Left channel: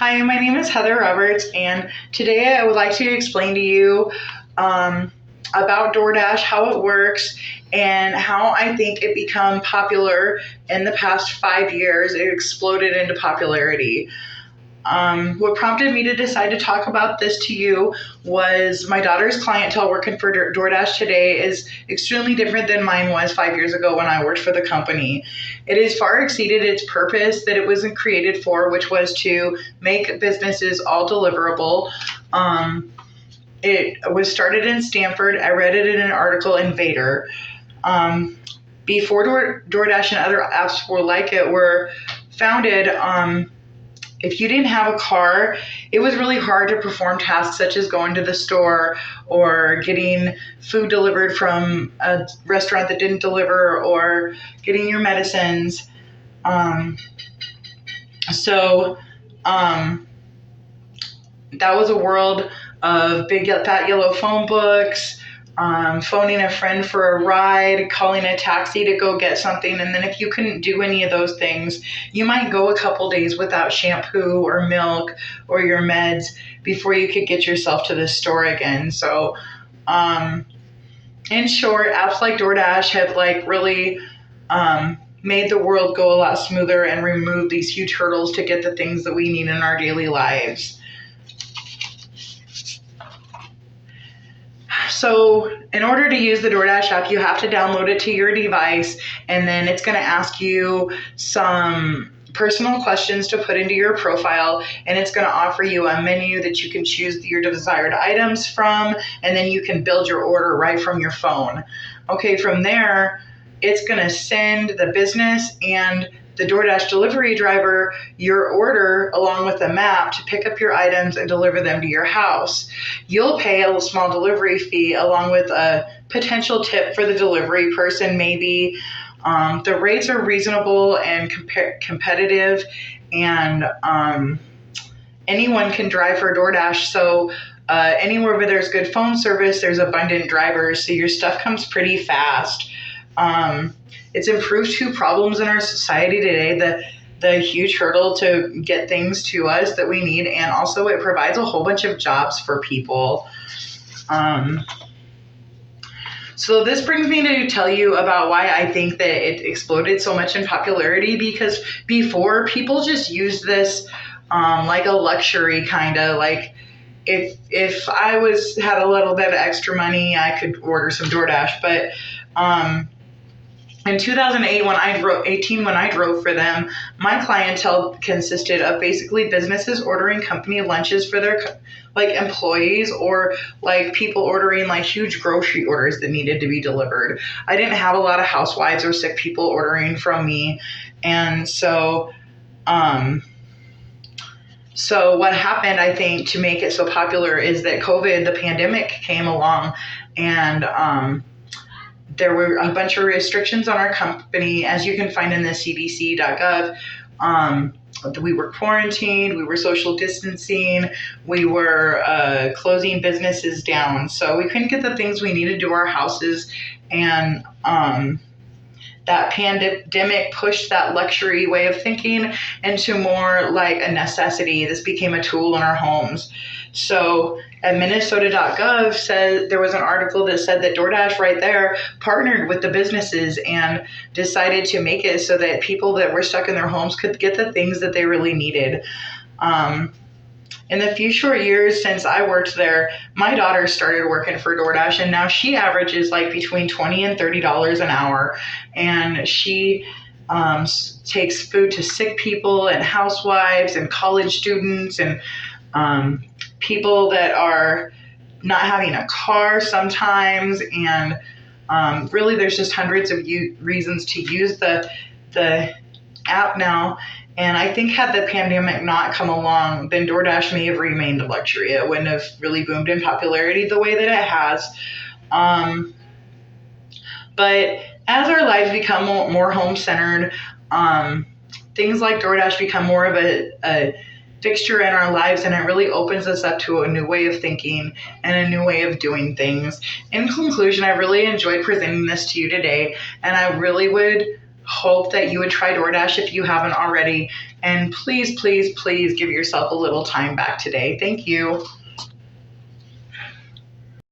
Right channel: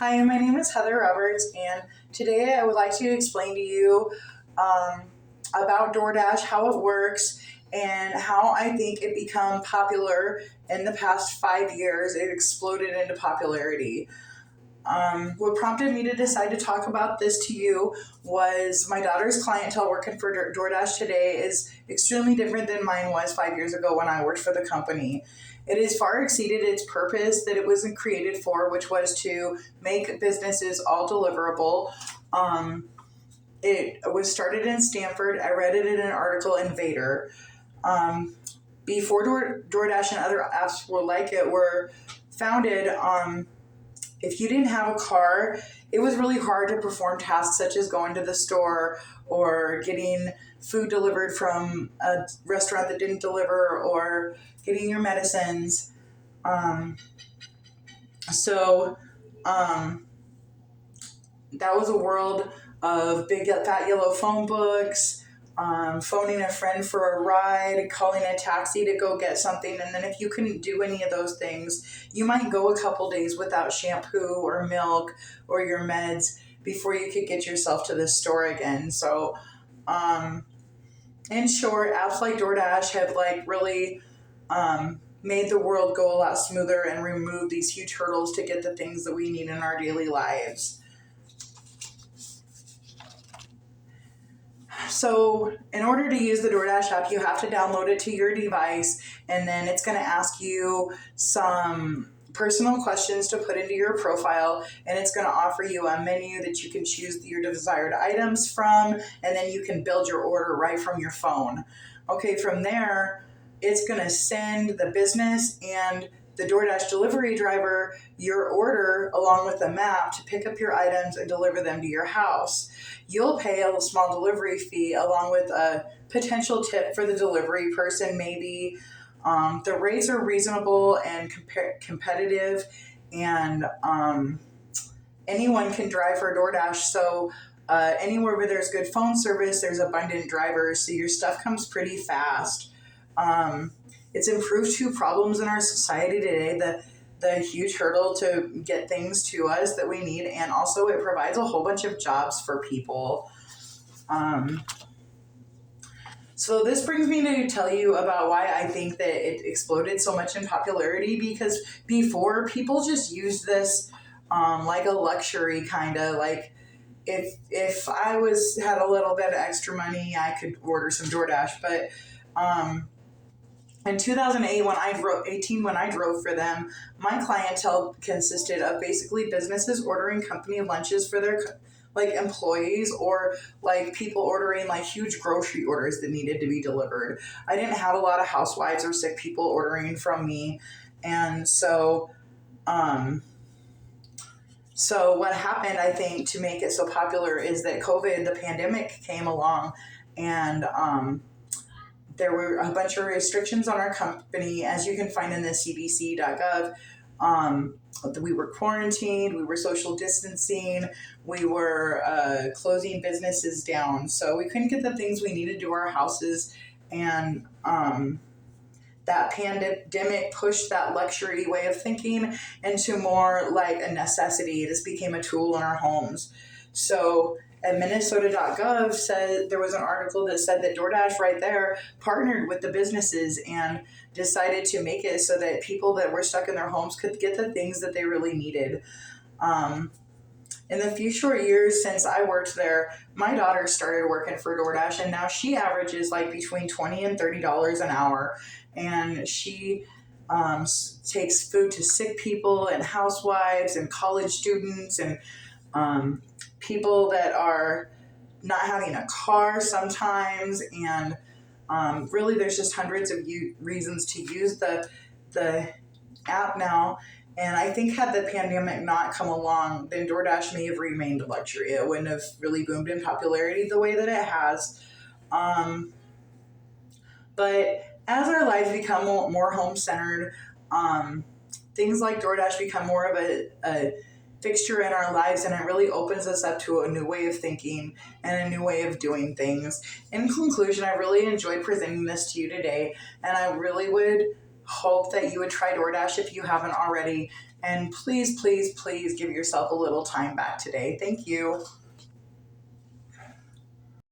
Hi, my name is Heather Roberts, and today I would like to explain to you about DoorDash, how it works, and how I think it become popular in the past 5 years. It exploded into popularity. What prompted me to decide to talk about this to you was my daughter's clientele working for DoorDash today is extremely different than mine was 5 years ago when I worked for the company. It has far exceeded its purpose that it wasn't created for, which was to make businesses all deliverable. It was started in Stanford. I read it in an article in Vader. Before DoorDash and other apps were like it were founded, if you didn't have a car, it was really hard to perform tasks such as going to the store or getting food delivered from a restaurant that didn't deliver or getting your medicines. So that was a world of big fat yellow phone books, phoning a friend for a ride, calling a taxi to go get something. And then if you couldn't do any of those things, you might go a couple days without shampoo or milk or your meds before you could get yourself to the store again. So, in short, apps like DoorDash have really made the world go a lot smoother and removed these huge hurdles to get the things that we need in our daily lives. So in order to use the DoorDash app, you have to download it to your device, and then it's going to ask you some personal questions to put into your profile, and it's going to offer you a menu that you can choose your desired items from, and then you can build your order right from your phone. Okay, from there, it's going to send the business and the DoorDash delivery driver your order along with a map to pick up your items and deliver them to your house. You'll pay a small delivery fee along with a potential tip for the delivery person, maybe. The rates are reasonable and competitive, and anyone can drive for DoorDash. So anywhere where there's good phone service, there's abundant drivers, so your stuff comes pretty fast. It's improved two problems in our society today, the huge hurdle to get things to us that we need, and also it provides a whole bunch of jobs for people. So this brings me to tell you about why I think that it exploded so much in popularity, because before, people just used this like a luxury, kind of like if I had a little bit of extra money, I could order some DoorDash. But in 2008, when I drove for them, my clientele consisted of basically businesses ordering company lunches for their employees, or people ordering huge grocery orders that needed to be delivered. I didn't have a lot of housewives or sick people ordering from me, and so what happened, I think, to make it so popular is that COVID, the pandemic, came along, and there were a bunch of restrictions on our company, as you can find in the cdc.gov. We were quarantined, we were social distancing, we were closing businesses down. So we couldn't get the things we needed to our houses. And that pandemic pushed that luxury way of thinking into more like a necessity. This became a tool in our homes. So at Minnesota.gov said there was an article that said that DoorDash right there partnered with the businesses and decided to make it so that people that were stuck in their homes could get the things that they really needed. In the few short years since I worked there, my daughter started working for DoorDash, and now she averages between $20 and $30 an hour, and she takes food to sick people and housewives and college students and people that are not having a car sometimes. And really, there's just hundreds of reasons to use the app now. And I think had the pandemic not come along, then DoorDash may have remained a luxury. It wouldn't have really boomed in popularity the way that it has. But as our lives become more home-centered, things like DoorDash become more of a fixture in our lives, and it really opens us up to a new way of thinking and a new way of doing things. In conclusion, I really enjoyed presenting this to you today, and I really would hope that you would try DoorDash if you haven't already. And please, please, please give yourself a little time back today. Thank you.